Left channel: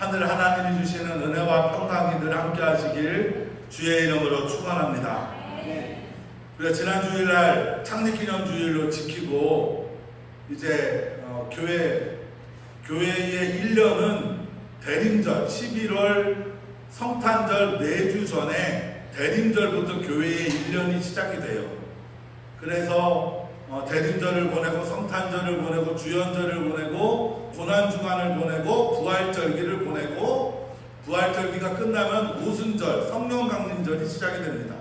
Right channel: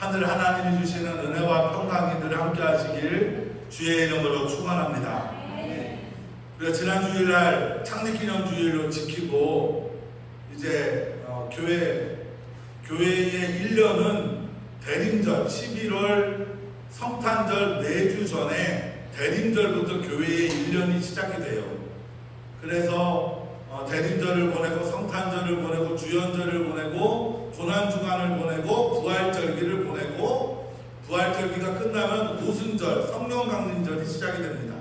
하늘 하나님이 주시는 은혜와 평강이 늘 함께 하시길 주의 이름으로 축원합니다. 우리가 지난 주일날 창립기념 주일로 지키고 이제 교회의 1년은 대림절 11월 성탄절 4주 전에 대림절부터 교회의 1년이 시작이 돼요. 그래서 대림절을 보내고 성탄절을 보내고 주연절을 보내고 고난주간을 보내고 부활절기를 보내고 부활절기가 끝나면 오순절 성령강림절이 시작이 됩니다.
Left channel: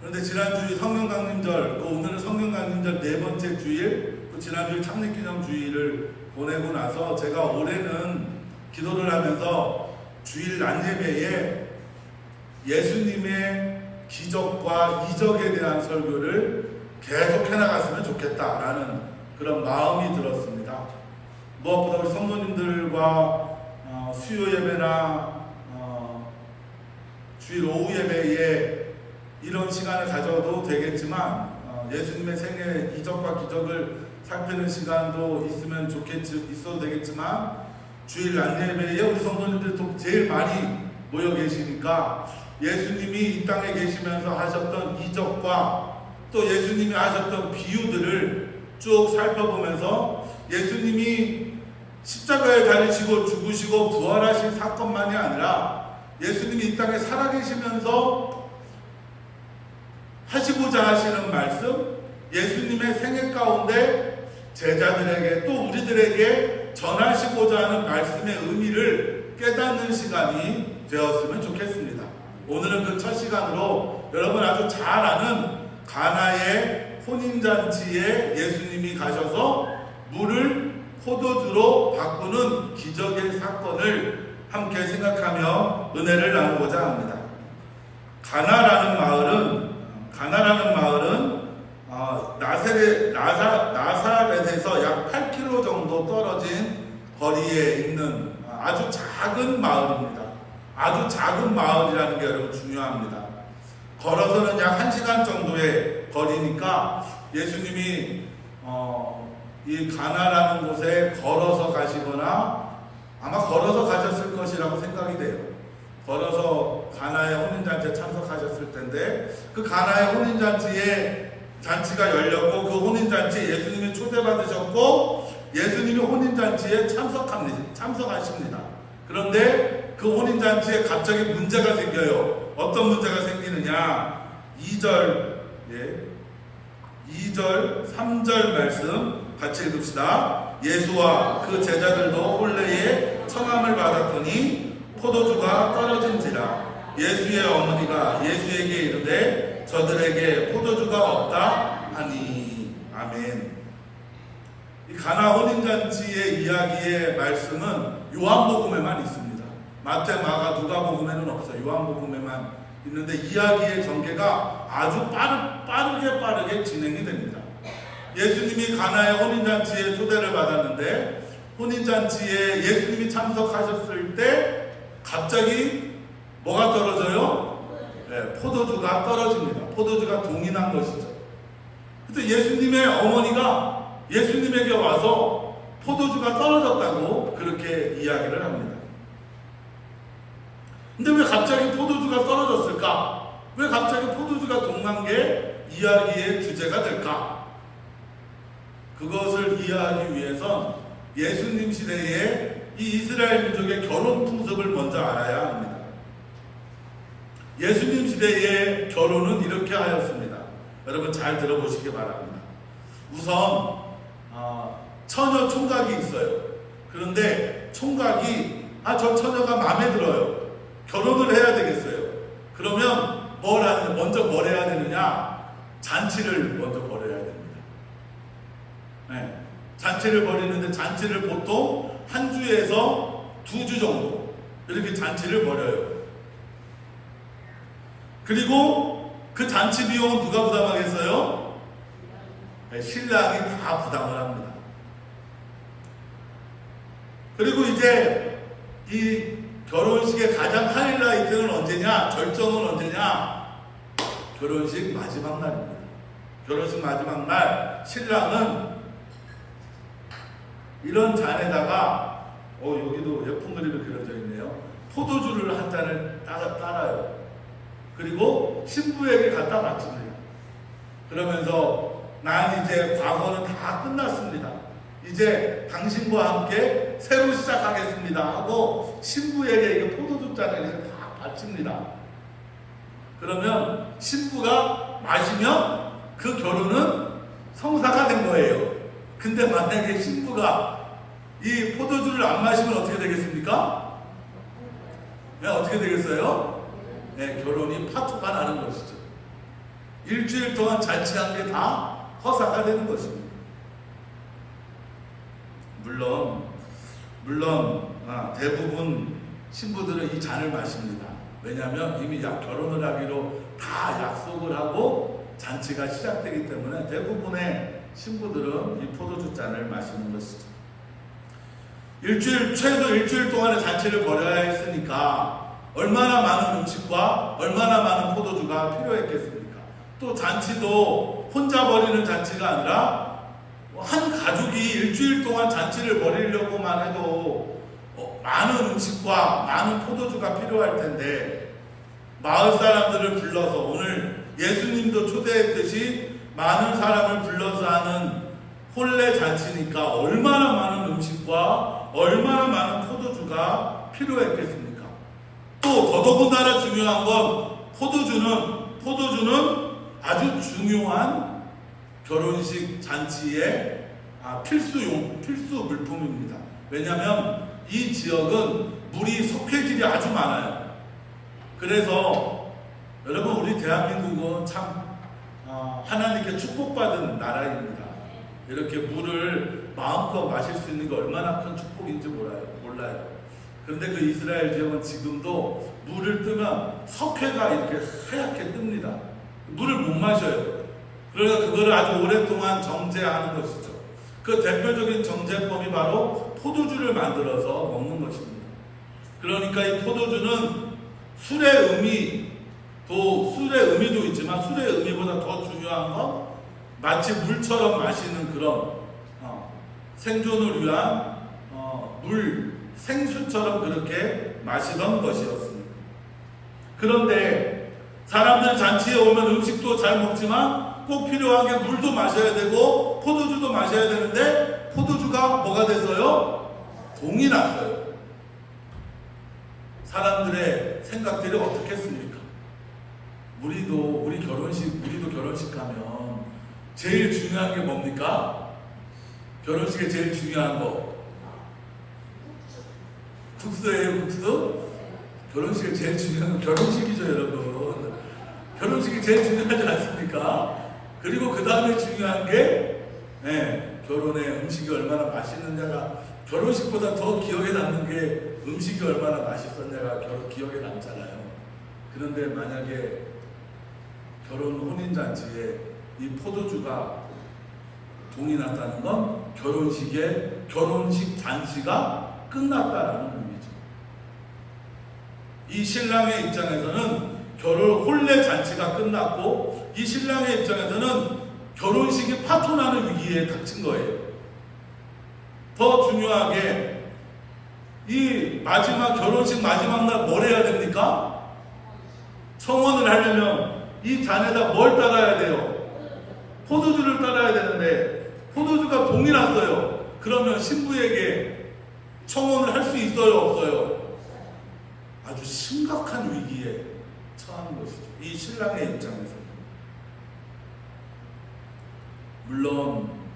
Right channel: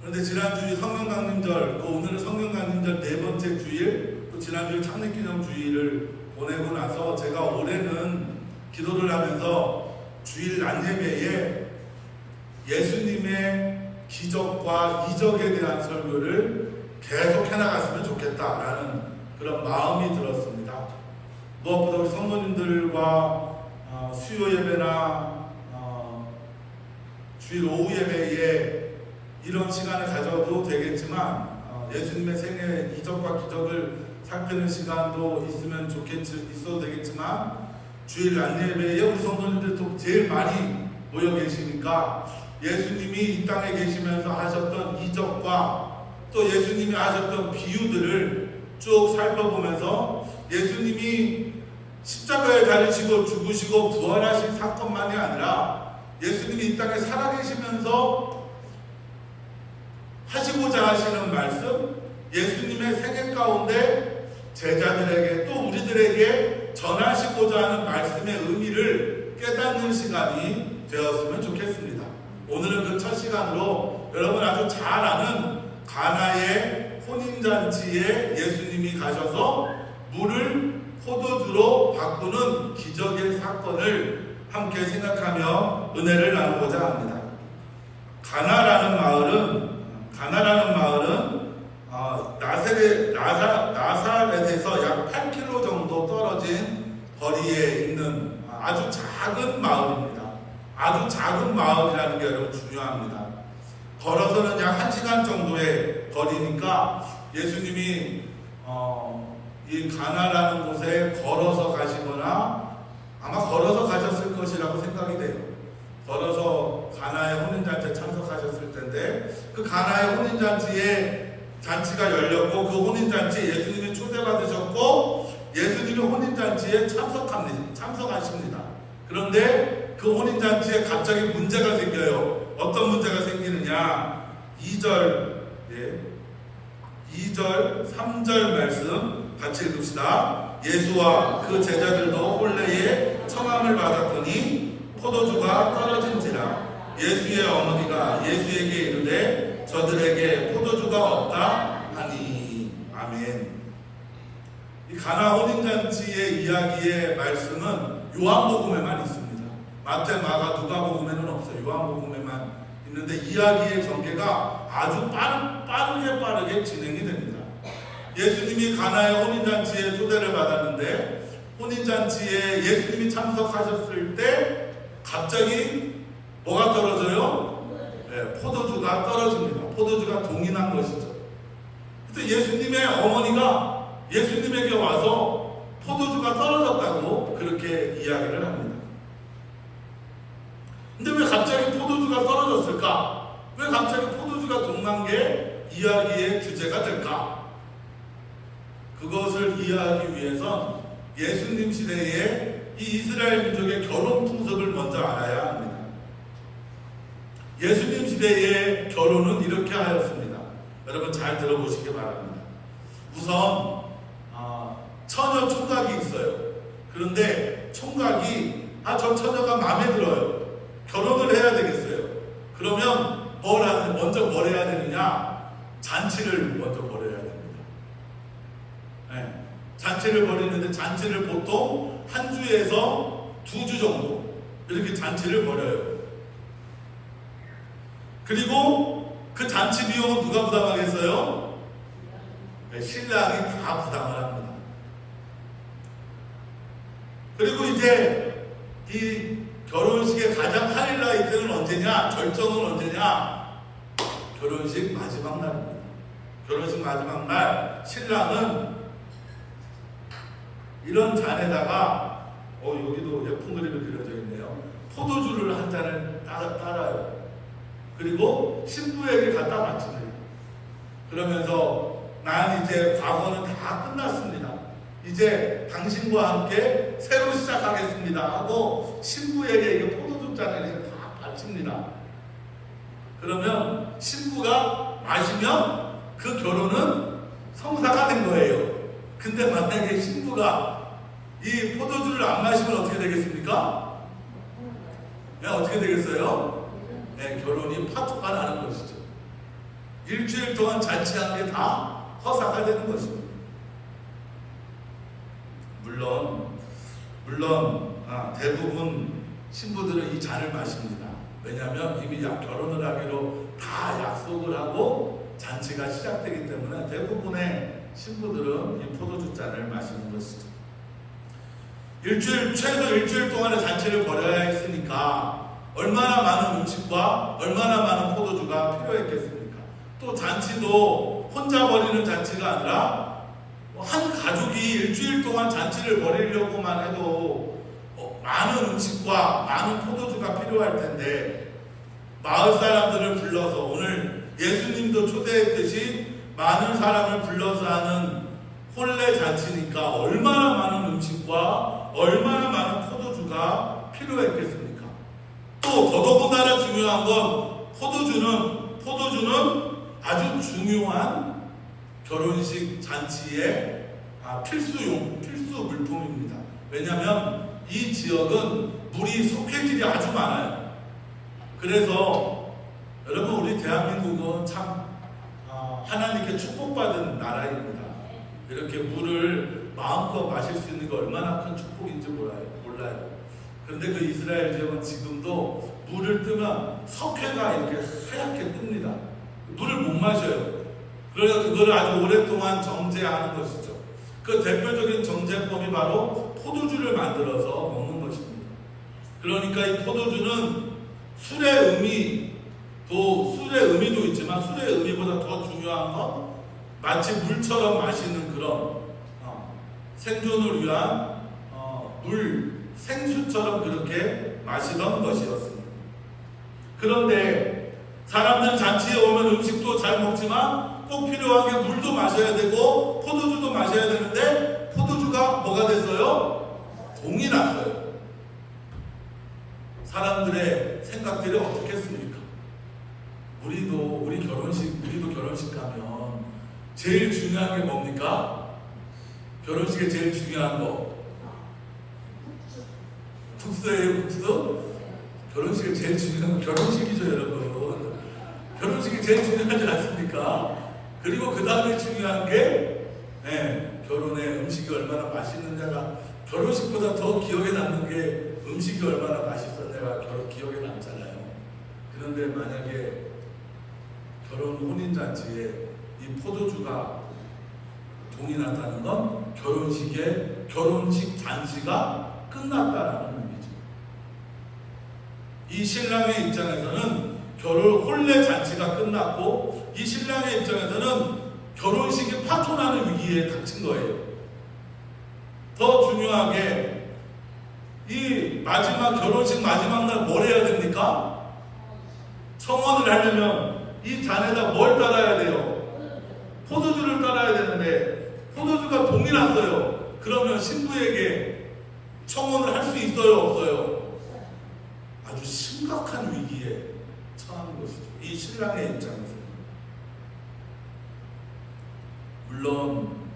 그런데 지난주에 성령강림절, 오늘은 성령강림절 4번째 주일, 또 지난주에 창립기념주일을 보내고 나서 제가 올해는 기도를 하면서 주일 낮예배에 예수님의 기적과 이적에 대한 설교를 계속 해나갔으면 좋겠다라는 그런 마음이 들었습니다. 무엇보다 우리 성도님들과 수요 예배나 주일 오후 예배에 이런 시간을 가져도 되겠지만 예수님의 생애 이적과 기적을 살피는 시간도 있어도 되겠지만 주일 낮예배에 우리 성도님들도 제일 많이 모여 계시니까 예수님이 이 땅에 계시면서 하셨던 이적과 또 예수님이 하셨던 비유들을 쭉 살펴보면서 예수님이 십자가에 달리시고 죽으시고 부활하신 사건만이 아니라 예수님이 이 땅에 살아계시면서 하시고자 하시는 말씀, 예수님의 생애 가운데 제자들에게 또 우리들에게 전하시고자 하는 말씀의 의미를 깨닫는 시간이 되었으면 좋겠습니다. 오늘은 그 첫 시간으로 여러분 아주 잘 아는 가나의 혼인잔치에 예수님이 가셔서 물을 포도주로 바꾸는 기적의 사건을 함께 생각하며 은혜를 나누고자 합니다. 가나라는 마을은 나사렛에서 약 8km 정도 떨어진 거리에 있는 아주 작은 마을입니다. 아주 작은 마을이라는 게 여러분 중요합니다. 걸어서는 약 1시간 정도의 거리니까 예수님이 이 가나라는 곳에 걸어서 가시거나 아마 걸어서 가셨을 것이라고 생각이 돼요. 걸어서 가나의 혼인잔치에 참석하셨을 텐데 그 가나의 혼인잔치에 잔치가 열렸고 그 혼인잔치에 예수님이 초대받으셨고 예수님이 혼인잔치에 참석하십니다. 그런데 그 혼인잔치에 갑자기 문제가 생겨요. 어떤 문제가 생기느냐? 2절, 3절 말씀 같이 읽읍시다. 예수와 그 제자들도 혼례에 청함을 받았더니 포도주가 떨어진지라. 예수의 어머니가 예수에게 이르되 저들에게 포도주가 없다 하니. 아멘. 이 가나 혼인잔치의 이야기의 말씀은 요한복음에만 있습니다. 마태, 마가, 누가복음에는 없어요. 요한복음에만 있는데 이야기의 전개가 아주 빠르게 진행이 됩니다. 예수님이 가나의 혼인잔치에 초대를 받았는데 혼인잔치에 예수님이 참석하셨을 때 갑자기 뭐가 떨어져요? 포도주가 떨어집니다. 포도주가 동인한 것이죠. 그래서 예수님의 어머니가 예수님에게 와서 포도주가 떨어졌다고 그렇게 이야기를 합니다. 근데 왜 갑자기 포도주가 떨어졌을까? 왜 갑자기 포도주가 동난 게 이야기의 주제가 될까? 그것을 이해하기 위해선 예수님 시대에 이 이스라엘 민족의 결혼 풍습을 먼저 알아야 합니다. 예수님 시대의 결혼은 이렇게 하였습니다. 여러분 잘 들어보시기 바랍니다. 우선 처녀 총각이 있어요. 그런데 총각이 저 처녀가 마음에 들어요. 결혼을 해야 되겠어요. 그러면 먼저 뭘 해야 되느냐? 잔치를 먼저 벌여야 됩니다. 잔치를 벌이는데 잔치를 보통 한 주에서 2주 정도 이렇게 잔치를 벌여요. 그리고 그 잔치 비용은 누가 부담하겠어요? 신랑이 다 부담을 합니다. 그리고 이제 이 결혼식의 가장 하이라이트는 언제냐? 절정은 언제냐? 결혼식 마지막 날입니다. 결혼식 마지막 날 신랑은 이런 잔에다가 여기도 예쁜 그림이 그려져 있네요. 포도주를 한 잔을 따라요. 그리고 신부에게 갖다 바칩니다. 그러면서 난 이제 과거는 다 끝났습니다. 이제 당신과 함께 새로 시작하겠습니다 하고 신부에게 이게 포도주 잔을 이렇게 다 바칩니다. 그러면 신부가 마시면 그 결혼은 성사가 된 거예요. 근데 만약에 신부가 이 포도주를 안 마시면 어떻게 되겠습니까? 네, 어떻게 되겠어요? 네, 결혼이 파토가 나는 것이죠. 일주일 동안 잔치한 게 다 허사가 되는 것입니다. 물론 대부분 신부들은 이 잔을 마십니다. 왜냐하면 이미 결혼을 하기로 다 약속을 하고 잔치가 시작되기 때문에 대부분의 신부들은 이 포도주 잔을 마시는 것이죠. 최소 일주일 동안의 잔치를 벌여야 했으니까 얼마나 많은 음식과 얼마나 많은 포도주가 필요했겠습니까? 또 잔치도 혼자 벌이는 잔치가 아니라 한 가족이 일주일 동안 잔치를 벌이려고만 해도 많은 음식과 많은 포도주가 필요할 텐데 마을 사람들을 불러서 오늘 예수님도 초대했듯이 많은 사람을 불러서 하는 혼례 잔치니까 얼마나 많은 음식과 얼마나 많은 포도주가 필요했겠습니까? 또 더더군다나 중요한 건 포도주는 아주 중요한 결혼식 잔치의 필수 물품입니다. 왜냐하면 이 지역은 물이 석회질이 아주 많아요. 그래서 여러분 우리 대한민국은 참 하나님께 축복받은 나라입니다. 이렇게 물을 마음껏 마실 수 있는 게 얼마나 큰 축복인지 몰라요. 그런데 그 이스라엘 지역은 지금도 물을 뜨면 석회가 이렇게 하얗게 뜹니다. 물을 못 마셔요. 그래서 그거를 아주 오랫동안 정제하는 것이죠. 그 대표적인 정제법이 바로 포도주를 만들어서 먹는 것입니다. 그러니까 이 포도주는 술의 의미도 있지만 술의 의미보다 더 중요한 건 마치 물처럼 마시는 그런 생존을 위한 생수처럼 그렇게 마시던 것이었습니다. 그런데 사람들 잔치에 오면 음식도 잘 먹지만 꼭 필요한 게 물도 마셔야 되고 포도주도 마셔야 되는데 포도주가 뭐가 됐어요? 동이 났어요. 사람들의 생각들이 어떻겠습니까? 우리도 결혼식 가면 제일 중요한 게 뭡니까? 결혼식에 제일 중요한 거 국수예요. 국수? 결혼식에 제일 중요한 건 결혼식이죠, 여러분. 결혼식이 제일 중요하지 않습니까? 그리고 그 다음에 중요한 게 결혼의 음식이 얼마나 맛있느냐가 결혼식보다 더 기억에 남는 게 음식이 얼마나 맛있었냐가 기억에 남잖아요. 그런데 만약에 혼인잔치에 이 포도주가 동이 났다는 건 결혼식 잔치가 끝났다라는 의미죠. 이 신랑의 입장에서는 혼례 잔치가 끝났고 이 신랑의 입장에서는 결혼식이 파토나는 위기에 닥친 거예요. 더 중요하게 이 결혼식 마지막 날 뭘 해야 됩니까? 청혼을 하려면 이 잔에다 뭘 따라야 돼요? 포도주를 따라야 되는데 포도주가 동이 났어요. 그러면 신부에게 청혼을 할 수 있어요? 없어요? 아주 심각한 위기에 처한 것이죠. 이 신랑의 입장에서. 물론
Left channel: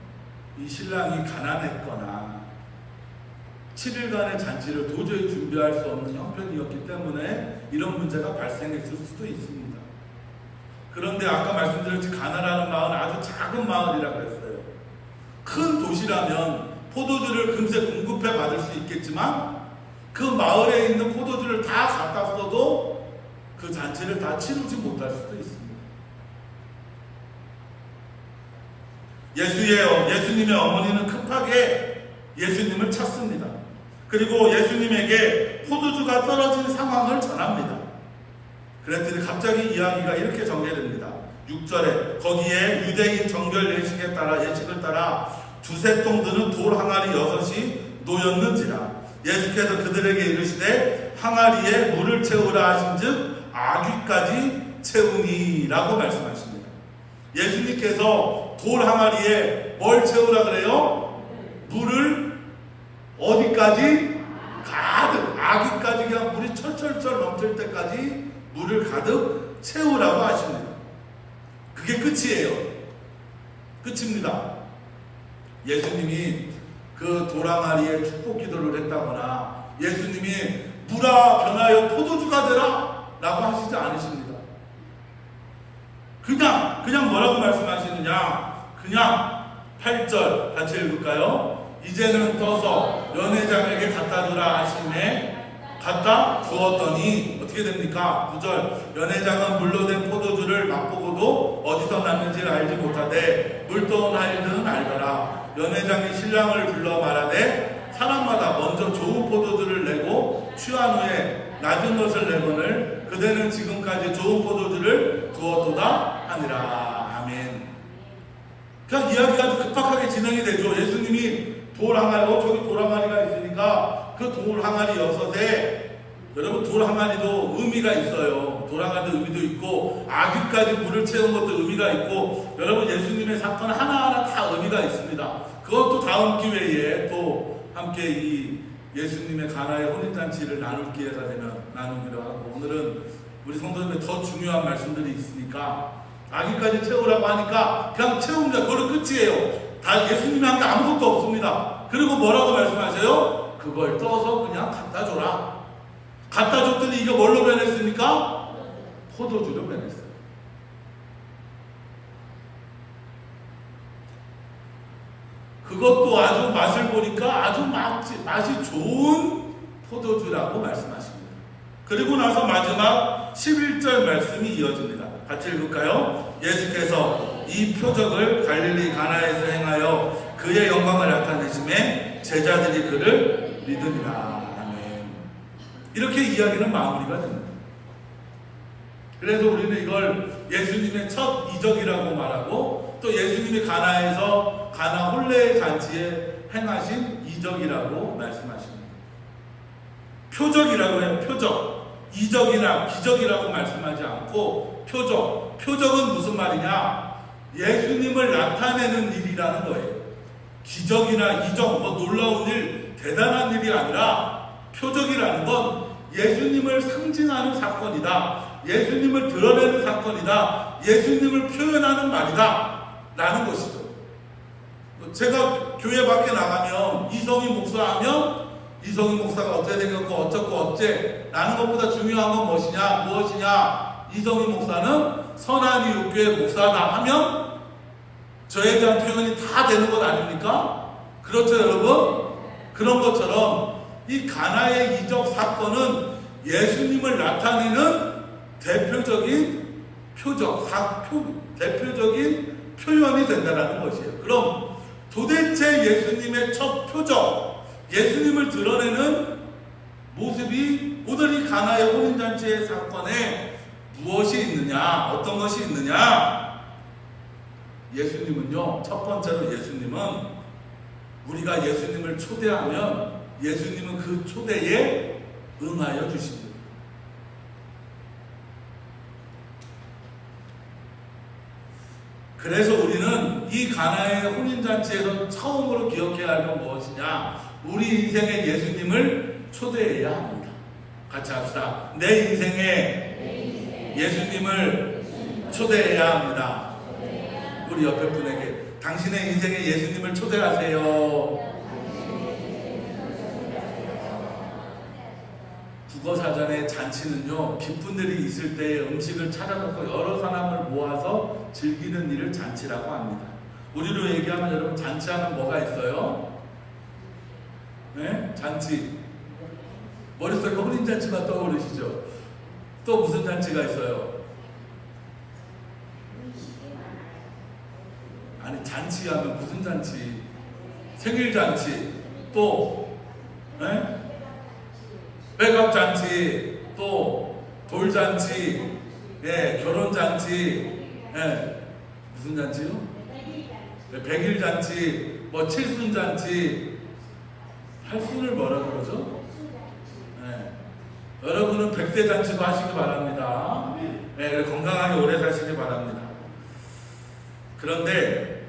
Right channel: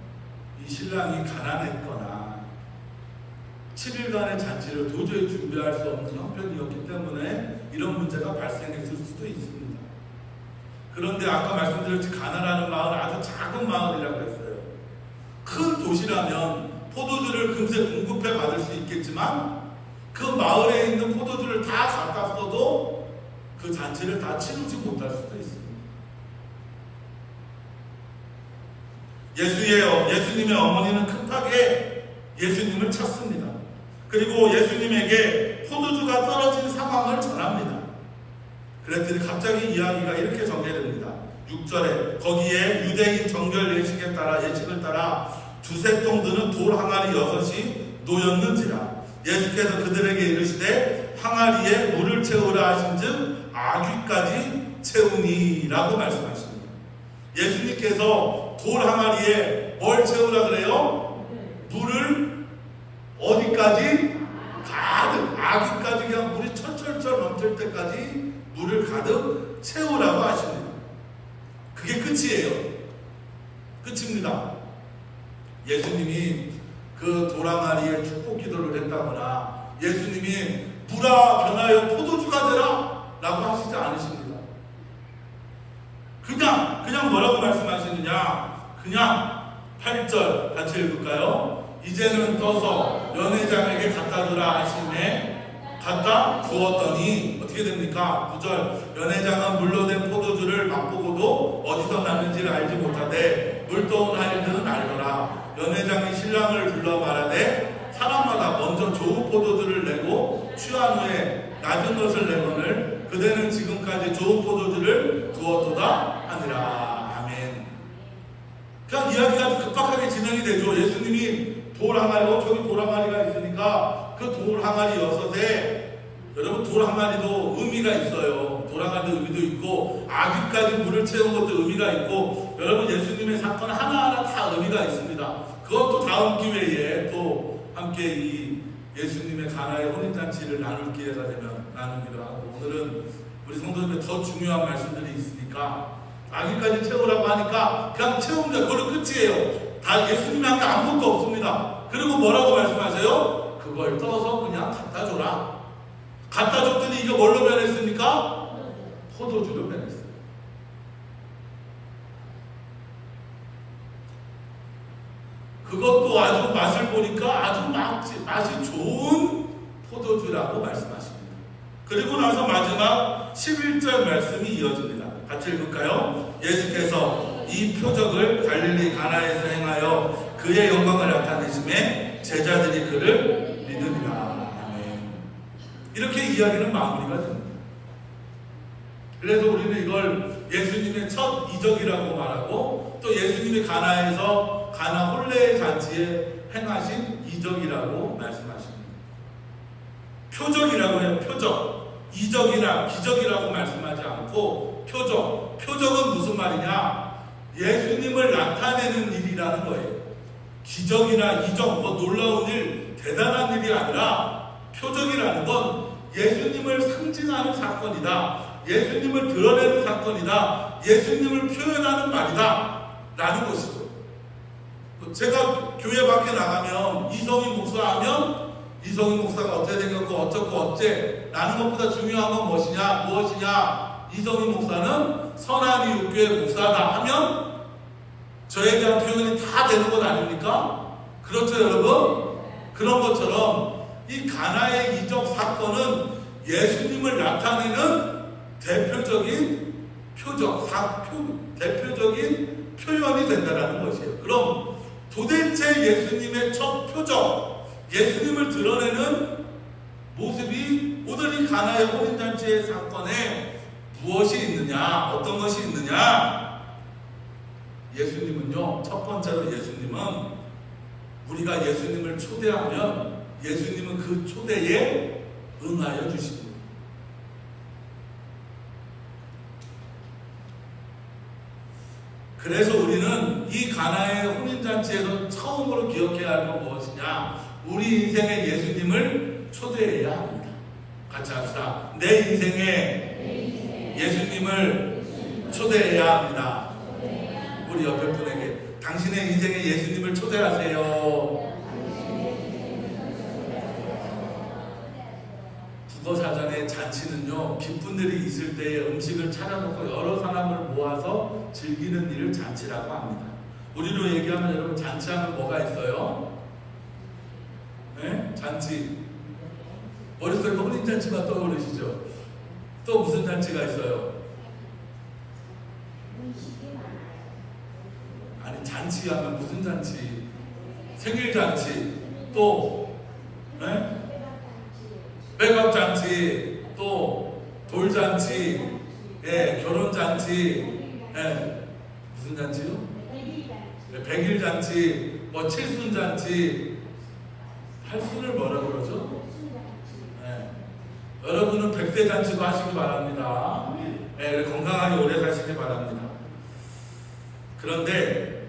이 신랑이 가난했거나 7일간의 잔치를 도저히 준비할 수 없는 형편이었기 때문에 이런 문제가 발생했을 수도 있습니다. 그런데 아까 말씀드렸듯이 가나라는 마을은 아주 작은 마을이라고 했어요. 큰 도시라면 포도주를 금세 공급해 받을 수 있겠지만 그 마을에 있는 포도주를 다 갖다 써도 그 잔치를 다 치르지 못할 수도 있습니다. 예수님의 어머니는 급하게 예수님을 찾습니다. 그리고 예수님에게 포도주가 떨어진 상황을 전합니다. 그랬더니 갑자기 이야기가 이렇게 전개됩니다. 6절에 거기에 유대인 정결 예식을 따라 두세 통 드는 돌 항아리 6이 놓였는지라 예수께서 그들에게 이르시되 항아리에 물을 채우라 하신즉 아귀까지 채우니라고 말씀하십니다. 예수님께서 돌 항아리에 뭘 채우라 그래요? 물을 어디까지? 가득, 아귀까지 그냥 물이 철철철 넘칠 때까지 물을 가득 채우라고 하십니다. 그게 끝이에요. 끝입니다. 예수님이 그 돌항아리에 축복 기도를 했다거나 예수님이 물아 변하여 포도주가 되라 라고 하시지 않으십니다. 그냥 뭐라고 말씀하시느냐? 그냥 8절 같이 읽을까요? 이제는 떠서 연회장에게 갖다 주라 하시매 갖다 주었더니 어떻게 됩니까? 9절 연회장은 물로 된 포도주를 맛보고도 어디서 났는지를 알지 못하되 물떠온 하일들은 알더라. 연회장이 신랑을 불러 말하되 사람마다 먼저 좋은 포도주를 내고 취한 후에 낮은 것을 내거늘 그대는 지금까지 좋은 포도주를 두었도다 하니라. 아멘. 그냥 이야기가 급박하게 진행이 되죠. 예수님이 돌 항아리, 저기 돌 항아리가 있으니까 그 돌 항아리 6에 여러분 돌 항아리도 의미가 있어요. 돌 항아리도 의미도 있고 아귀까지 물을 채운 것도 의미가 있고 여러분 예수님의 사건 하나하나 다 의미가 있습니다. 그것도 다음 기회에 또 함께 이 예수님의 가나의 혼인잔치를 나눌 기회가 되면 나누기로 하고 오늘은 우리 성도님의 더 중요한 말씀들이 있으니까 아기까지 채우라고 하니까 그냥 채웁니다. 그걸로 끝이에요. 다 예수님이 한 게 아무것도 없습니다. 그리고 뭐라고 말씀하세요? 그걸 떠서 그냥 갖다 줘라. 갖다 줬더니 이게 뭘로 변했습니까? 포도주로 변했어요. 그것도 아주 맛을 보니까 아주 맛이 좋은 포도주라고 말씀하십니다. 그리고 나서 마지막 11절 말씀이 이어집니다. 같이 읽을까요? 예수께서 이 표적을 갈릴리 가나에서 행하여 그의 영광을 나타내심에 제자들이 그를 믿으리라. 아멘. 이렇게 이야기는 마무리가 됩니다. 그래서 우리는 이걸 예수님의 첫 이적이라고 말하고 또 예수님이 가나에서 가나 혼례의 잔치에 행하신 이적이라고 말씀하십니다. 표적이라고 해요. 표적. 이적이나 기적이라고 말씀하지 않고 표적. 표적은 무슨 말이냐? 예수님을 나타내는 일이라는 거예요. 기적이나 이적, 놀라운 일, 대단한 일이 아니라 표적이라는 건 예수님을 상징하는 사건이다. 예수님을 드러내는 사건이다. 예수님을 표현하는 말이다. 라는 것이죠. 제가 교회 밖에 나가면 이성희 목사 하면 이성희 목사가 어떻게 생겼고 어쩌고 어째 라는 것보다 중요한 건 무엇이냐? 이성희 목사는 선한 이웃교회 목사다 하면 저에 대한 표현이 다 되는 것 아닙니까? 그렇죠 여러분? 그런 것처럼 이 가나의 이적 사건은 예수님을 나타내는 대표적인 대표적인 표현이 된다는 것이에요. 그럼 도대체 예수님의 첫 표적, 예수님을 드러내는 모습이 오늘 이 가나의 혼인잔치의 사건에 무엇이 있느냐, 어떤 것이 있느냐? 예수님은요, 첫 번째로 예수님은 우리가 예수님을 초대하면 예수님은 그 초대에 응하여 주십니다. 그래서 우리는 이 가나의 혼인잔치에서 처음으로 기억해야 할 건 무엇이냐? 우리 인생에 예수님을 초대해야 합니다. 같이 합시다. 내 인생에 예수님을 초대해야 합니다. 우리 옆에 분에게 당신의 인생에 예수님을 초대하세요. 국어사전의 잔치는요, 기쁜 일이 있을 때 음식을 차려놓고 여러 사람을 모아서 즐기는 일을 잔치라고 합니다. 우리로 얘기하면 여러분 잔치하면 뭐가 있어요? 네? 잔치. 머릿속에 혼인잔치만 떠오르시죠? 또 무슨 잔치가 있어요? 아니 잔치하면 무슨 잔치? 생일잔치. 또 네? 백업잔치, 또 돌잔치, 예, 결혼잔치, 예, 무슨 잔치요? 네, 백일잔치, 칠순잔치, 팔순을 뭐라 그러죠? 네. 여러분은 100세 잔치도 하시기 바랍니다. 네, 건강하게 오래 사시기 바랍니다. 그런데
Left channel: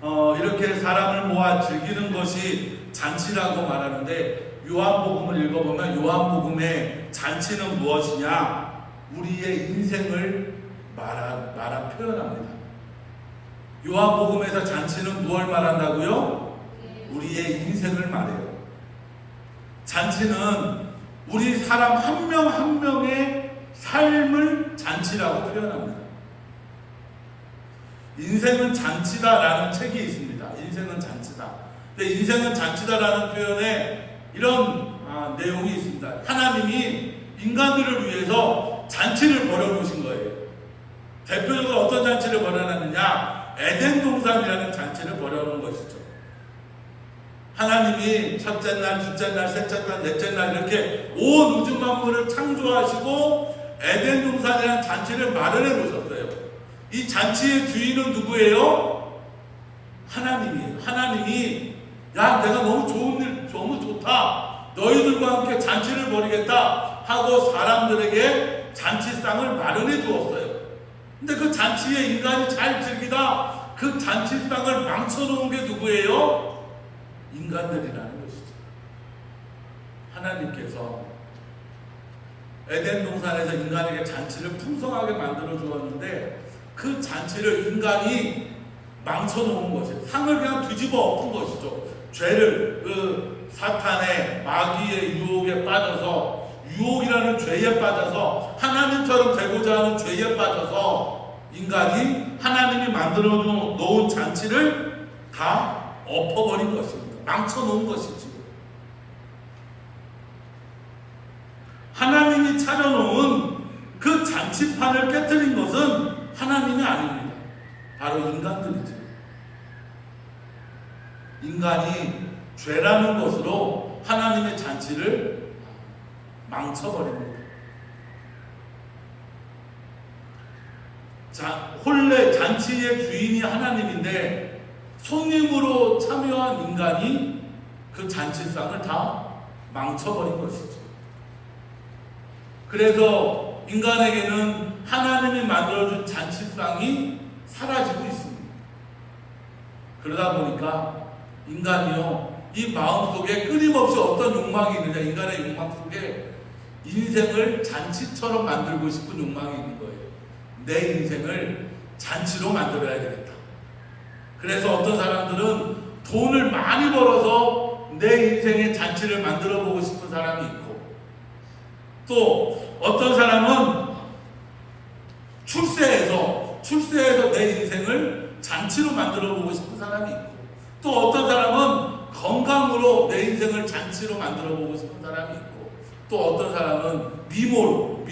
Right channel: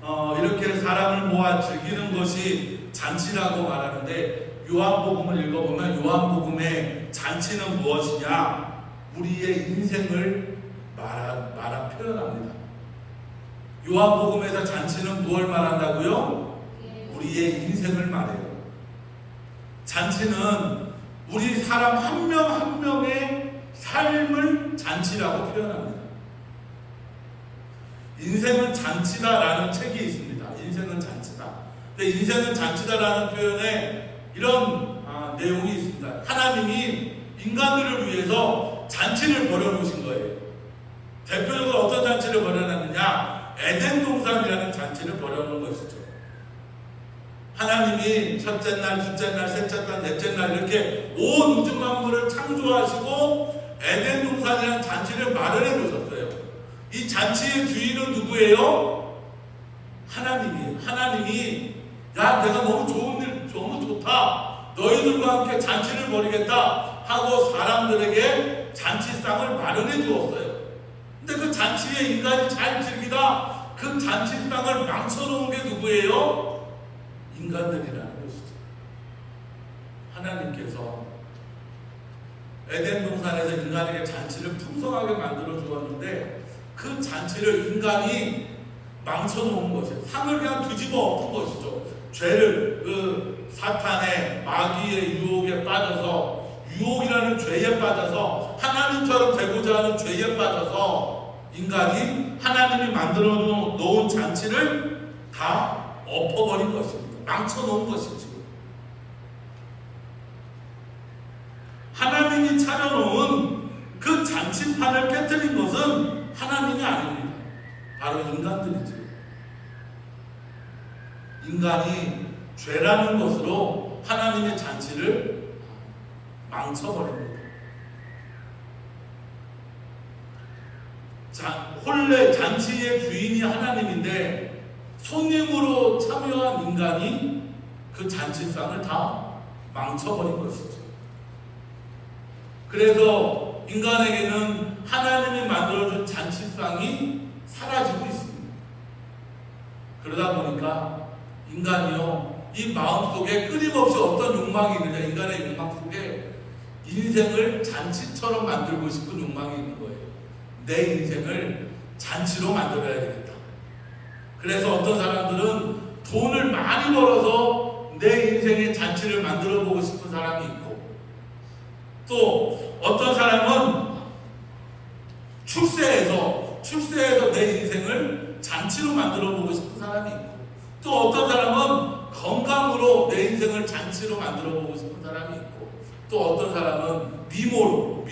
이렇게 사람을 모아 즐기는 것이 잔치라고 말하는데, 요한복음을 읽어보면 요한복음의 잔치는 무엇이냐? 우리의 인생을 표현합니다. 요한복음에서 잔치는 무엇을 말한다고요? 우리의 인생을 말해요. 잔치는 우리 사람 한 명 한 명의 삶을 잔치라고 표현합니다. 인생은 잔치다라는 책이 있습니다. 인생은 잔치다. 근데 인생은 잔치다라는 표현에 이런 내용이 있습니다. 하나님이 인간들을 위해서 잔치를 벌여놓으신 거예요. 대표적으로 어떤 잔치를 벌여놨느냐? 에덴 동산이라는 잔치를 벌여놓은 것이죠. 하나님이 첫째 날, 둘째 날, 셋째 날, 넷째 날 이렇게 온 우주 만물을 창조하시고 에덴 동산이라는 잔치를 마련해 놓으셨어요. 이 잔치의 주인은 누구예요? 하나님이에요. 하나님이 야, 내가 너무 좋은 일, 너무 좋다, 너희들과 함께 잔치를 벌이겠다 하고 사람들에게 잔치상을 마련해 주었어요. 근데 그 잔치에 인간이 잘 즐기다 그 잔치상을 망쳐놓은 게 누구예요? 인간들이라는 것이죠. 하나님께서 에덴 동산에서 인간에게 잔치를 풍성하게 만들어 주었는데, 그 잔치를 인간이 망쳐놓은 것이에요. 상을 그냥 뒤집어 엎은 것이죠. 죄를, 그 사탄의 마귀의 유혹에 빠져서, 유혹이라는 죄에 빠져서, 하나님처럼 되고자 하는 죄에 빠져서 인간이 하나님이 만들어 놓은 잔치를 다 엎어버린 것입니다. 망쳐놓은 것이죠. 하나님이 차려놓은 그 잔치판을 깨뜨린 것은 하나님이 아닙니다. 바로 인간들이죠. 인간이 죄라는 것으로 하나님의 잔치를 망쳐버립니다. 본래 잔치의 주인이 하나님인데 손님으로 참여한 인간이 그 잔치상을 다 망쳐버린 것이죠. 그래서 인간에게는 하나님이 만들어준 잔치상이 사라지고 있습니다. 그러다 보니까 인간이요, 이 마음속에 끊임없이 어떤 욕망이 있느냐, 인간의 욕망 속에 인생을 잔치처럼 만들고 싶은 욕망이 있는 거예요. 내 인생을 잔치로 만들어야 되겠다. 그래서 어떤 사람들은 돈을 많이 벌어서 내 인생의 잔치를 만들어 보고 싶은 사람이 있고, 또 어떤 사람은 출세해서 내 인생을 잔치로 만들어 보고 싶은 사람이 있고, 또 어떤 사람은 건강으로 내 인생을 잔치로 만들어 보고 싶은 사람이 있고, 또 어떤 사람은 미모로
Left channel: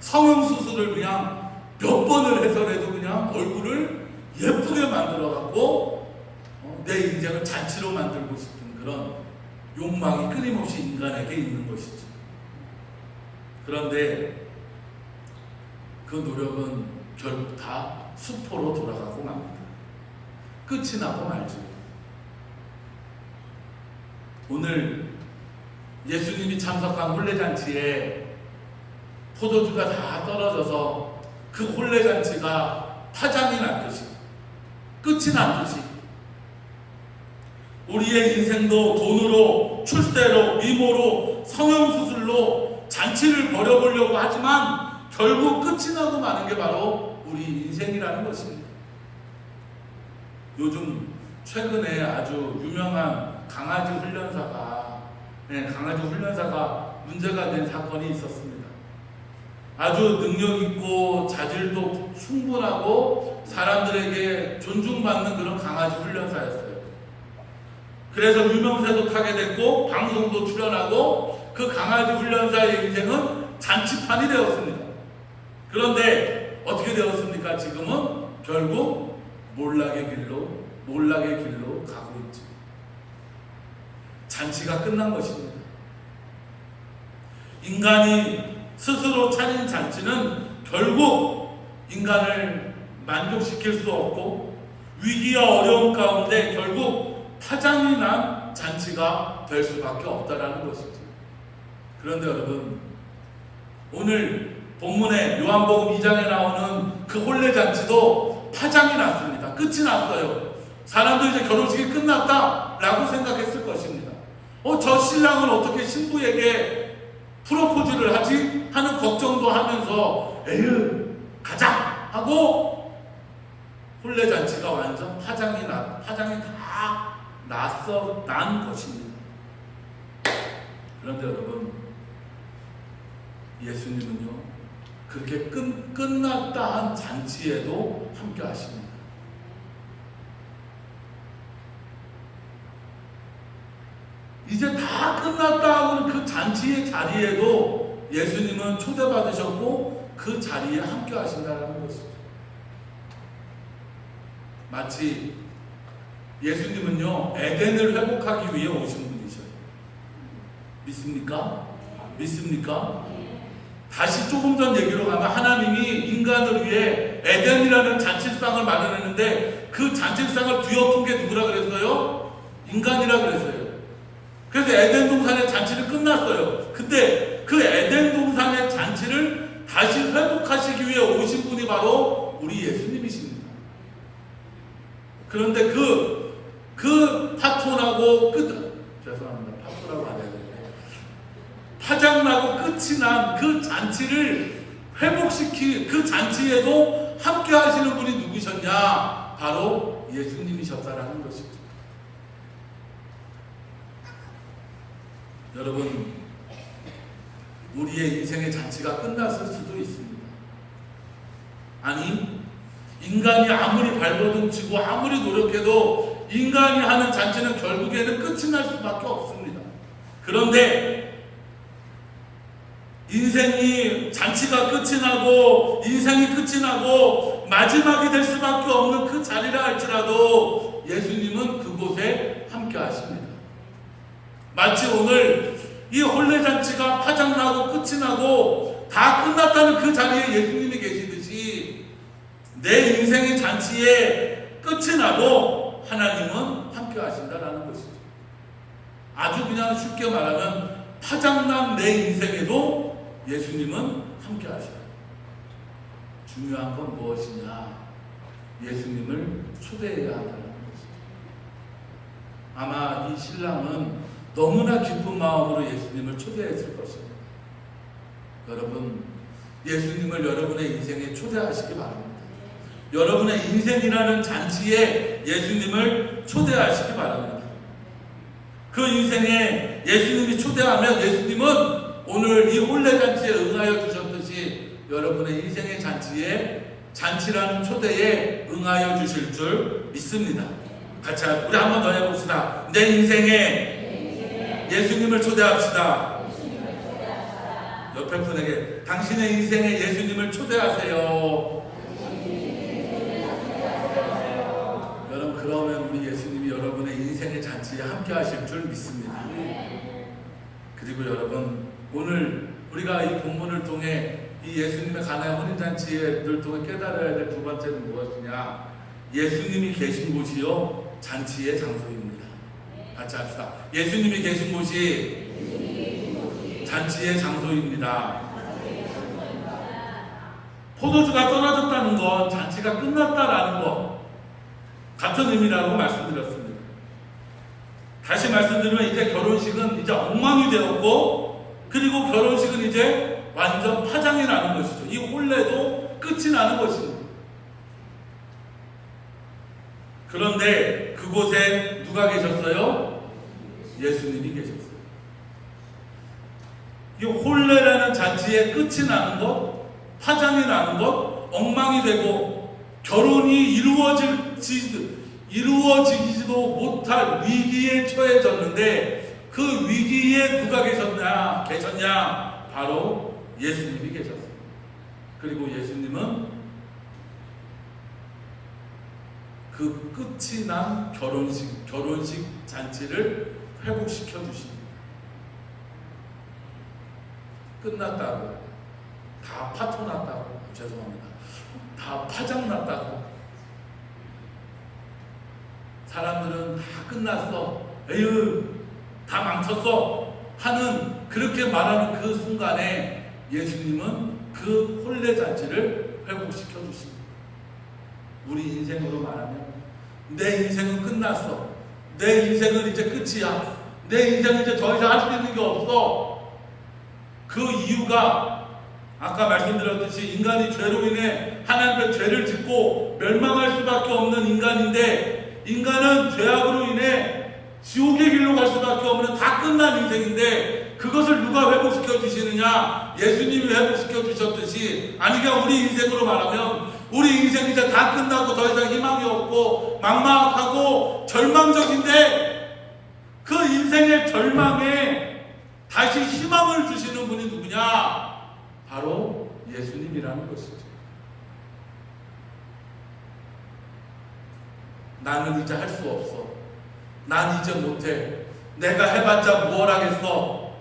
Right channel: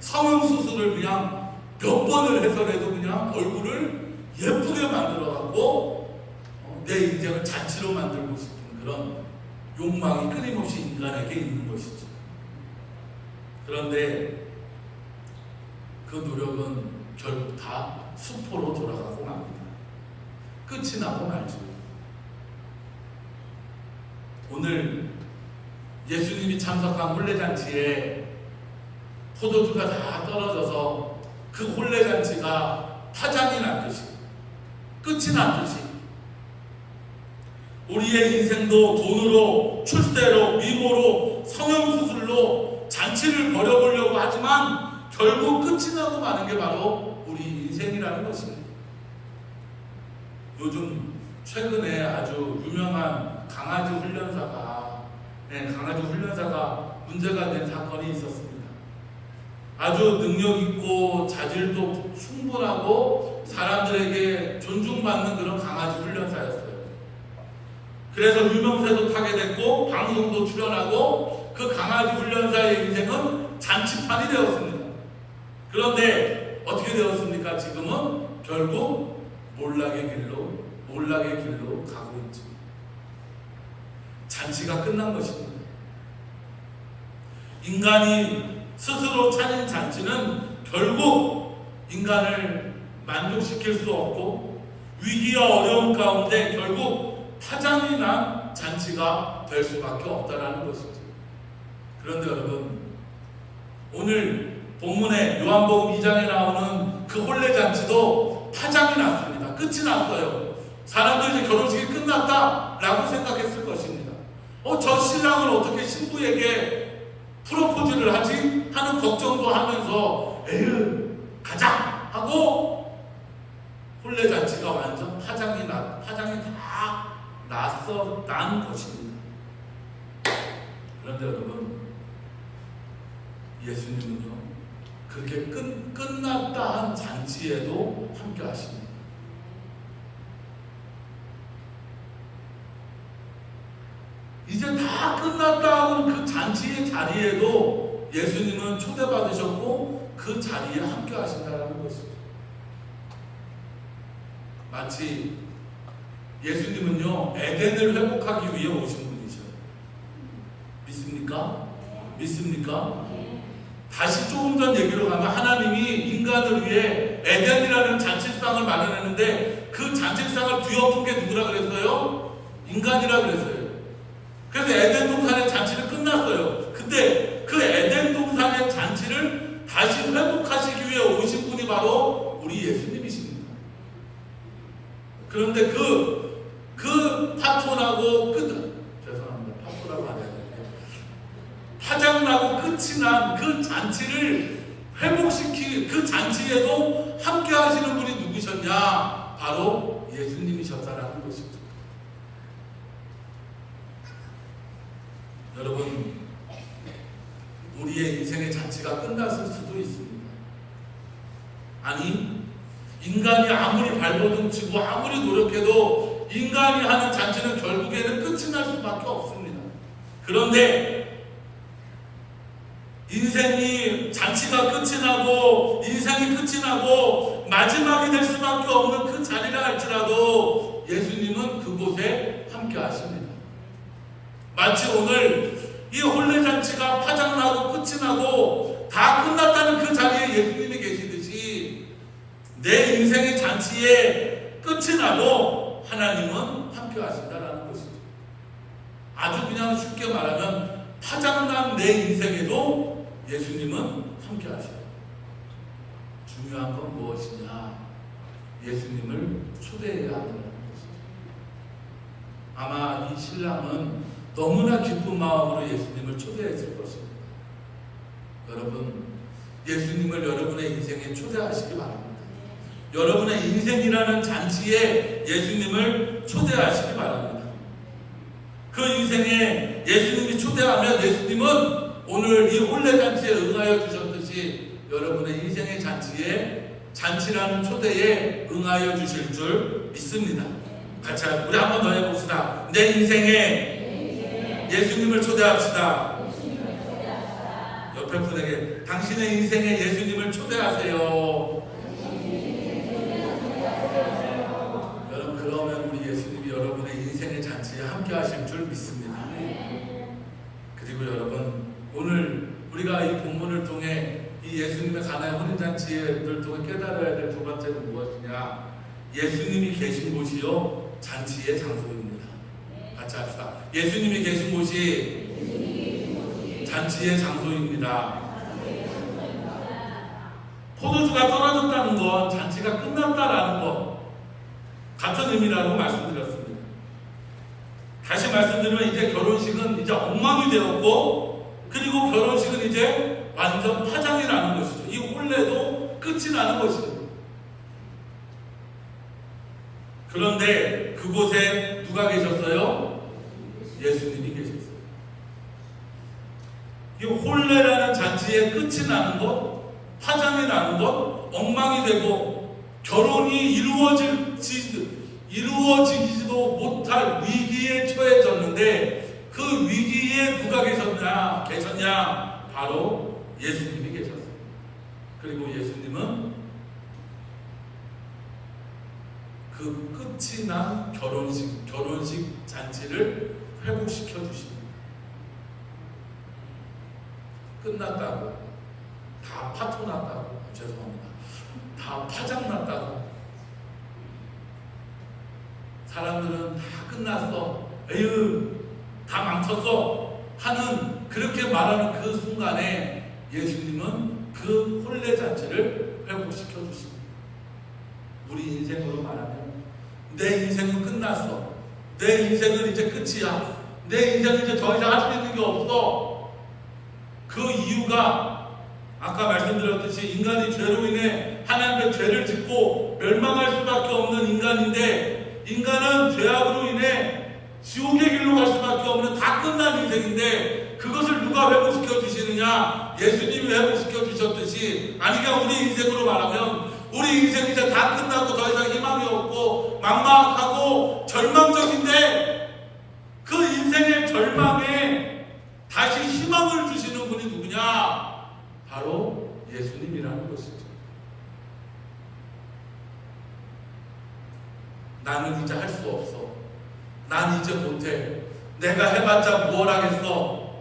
성형수술을 그냥 몇 번을 해서라도 그냥 얼굴을 예쁘게 만들어갖고 내 인생을 잔치로 만들고 싶은 그런 욕망이 끊임없이 인간에게 있는 것이죠. 그런데 그 노력은 결국 다 수포로 돌아가고 맙니다. 끝이 나고 말죠. 오늘 예수님이 참석한 혼례잔치에 포도주가 다 떨어져서 그 혼례잔치가 파장이 났듯이, 끝이 났듯이, 우리의 인생도 돈으로, 출세로, 미모로, 성형수술로 잔치를 벌여보려고 하지만 결국 끝이 나고 마는 게 바로 우리 인생이라는 것입니다. 요즘 최근에 아주 유명한 강아지 훈련사가 문제가 된 사건이 있었습니다. 아주 능력 있고 자질도 충분하고 사람들에게 존중받는 그런 강아지 훈련사였어요. 그래서 유명세도 타게 됐고 방송도 출연하고 그 강아지 훈련사의 인생은 잔치판이 되었습니다. 그런데 어떻게 되었습니까? 지금은 결국 몰락의 길로 가고 있죠. 잔치가 끝난 것입니다. 인간이 스스로 차린 잔치는 결국 인간을 만족시킬 수 없고 위기와 어려움 가운데 결국 파장이 난 잔치가 될 수밖에 없다라는 것이죠. 그런데 여러분, 오늘 본문에 요한복음 2장에 나오는 그 혼례잔치도 파장이 났습니다. 끝이 났어요. 사람들이 이제 결혼식이 끝났다라고 생각했을 것입니다. 저 신랑은 어떻게 신부에게 프로포즈를 하지? 하는 걱정도 하면서 에휴 가자 하고 혼례잔치가 완전 파장이 다 난 것입니다. 그런데 여러분, 예수님은요 그렇게 끝났다 한 잔치에도 함께 하십니다. 이제 다 끝났다 하고는 그 잔치의 자리에도 예수님은 초대받으셨고 그 자리에 함께 하신다는 것이죠. 마치 예수님은요 에덴을 회복하기 위해 오신 분이셔요. 믿습니까? 믿습니까? 다시 조금 전 얘기로 가면 하나님이 인간을 위해 에덴이라는 잔치상을 마련했는데 그 잔치상을 뒤엎은 게 누구라 그랬어요? 인간이라 그랬어요. 그래서 에덴 동산의 잔치는 끝났어요. 근데 그 에덴 동산의 잔치를 다시 회복하시기 위해 오신 분이 바로 우리 예수님이십니다. 그런데 그 파토나고 죄송합니다. 파토라고 안 해야 되는데 파장나고 끝이 난 그 잔치를 회복시키 그 잔치에도 함께 하시는 분이 누구셨냐? 바로 예수님이셨다라는 것이죠. 여러분, 우리의 인생의 잔치가 끝났을 수도 있습니다. 아니, 인간이 아무리 발버둥치고 아무리 노력해도 인간이 하는 잔치는 결국에는 끝이 날 수밖에 없습니다. 그런데 인생이 잔치가 끝이 나고 인생이 끝이 나고 마지막이 될 수밖에 없는 그 자리라 할지라도 예수님은 그곳에 함께 하십니다. 마치 오늘 이 혼례잔치가 파장나고 끝이 나고 다 끝났다는 그 자리에 예수님이 계시듯이 내 인생의 잔치에 끝이 나고 하나님은 함께 하신다라는 것이죠. 아주 그냥 쉽게 말하면 파장난 내 인생에도 예수님은 함께 하셔요. 중요한 건 무엇이냐? 예수님을 초대해야 한다는 것이죠. 아마 이 신랑은 너무나 기쁜 마음으로 예수님을 초대했을 것입니다. 여러분, 예수님을 여러분의 인생에 초대하시기 바랍니다. 여러분의 인생이라는 잔치에 예수님을 초대하시기 바랍니다. 그 인생에 예수님이 초대하면 예수님은 오늘 이 혼례잔치에 응하여 주셨듯이 여러분의 인생의 잔치라는 초대에 응하여 주실 줄 믿습니다. 같이 우리 한 번 더 해봅시다. 내 인생에 예수님을 초대합시다. 옆에 분에게 당신의 인생에 예수님을 초대하세요. 여러분, 그러면 우리 예수님이 여러분의 인생의 잔치에 함께 하실 줄 믿습니다. 그리고 여러분, 오늘 우리가 이 본문을 통해 이 예수님의 가나의 혼인잔치를 통해 깨달아야 될 두 번째는 무엇이냐? 예수님이 계신 곳이요 잔치의 장소입니다. 같이 합시다. 예수님이 계신 곳이 잔치의 장소입니다. 포도주가 떨어졌다는 건 잔치가 끝났다라는 것 같은 의미라고 말씀드렸습니다. 다시 말씀드리면 이제 결혼식은 이제 엉망이 되었고, 그리고 결혼식은 이제 완전 파장이 나는 것이죠. 이 혼례도 끝이 나는 것입니다. 그런데 그곳에 누가 계셨어요? 예수님이 계셨어요. 이 혼례라는 잔치의 끝이 나는 것, 파장이 나는 것, 엉망이 되고 결혼이 이루어지지도 못할 위기에 처해졌는데 그 위기에 누가 계셨냐? 바로 예수님이 계셨어요. 그리고 예수님은 그 끝이 난 결혼식 잔치를 회복시켜 주십니다. 끝났다고, 다 파토 났다고, 죄송합니다. 다 파장 났다고. 사람들은 다 끝났어. 에휴, 다 망쳤어 하는 그렇게 말하는 그 순간에 예수님은 그 혼례잔치를 회복시켜 주십니다. 우리 인생으로 말하면 내 인생은 끝났어. 내 인생은 이제 끝이야. 내 인생은 이제 더 이상 할 수 있는 게 없어. 그 이유가 아까 말씀드렸듯이 인간이 죄로 인해 하나님의 죄를 짓고 멸망할 수밖에 없는 인간인데, 인간은 죄악으로 인해 지옥의 길로 갈 수밖에 없는 다 끝난 인생인데, 그것을 누가 회복시켜 주시느냐? 예수님이 회복시켜 주셨듯이, 아니 그냥 우리 인생으로 말하면 우리 인생 이제 다 끝나고 더 이상 희망이 없고 막막하고 절망적인데, 그 인생의 절망에 다시 희망을 주시는 분이 누구냐? 바로 예수님이라는 것이죠. 나는 이제 할 수 없어. 난 이제 못해. 내가 해봤자 뭘 하겠어.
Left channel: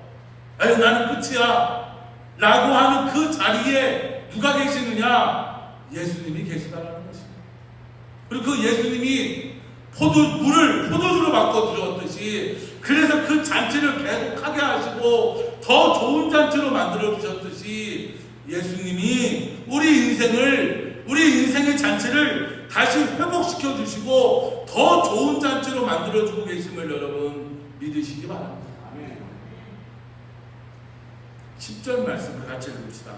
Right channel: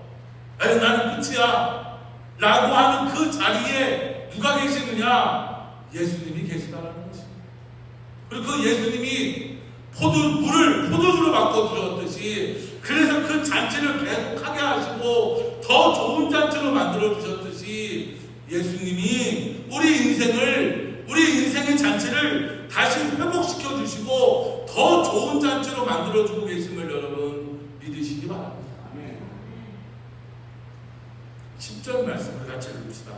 에이, 나는 끝이야. 라고 하는 그 자리에 누가 계시느냐? 예수님이 계시다라는 것입니다. 그리고 그 예수님이 물을 포도주로 바꿔주셨듯이, 그래서 그 잔치를 계속하게 하시고 더 좋은 잔치로 만들어주셨듯이, 예수님이 우리 인생의 잔치를 다시 회복시켜 주시고 더 좋은 잔치로 만들어주고 계심을 여러분 믿으시기 바랍니다. 10절 말씀을 같이 읽읍시다.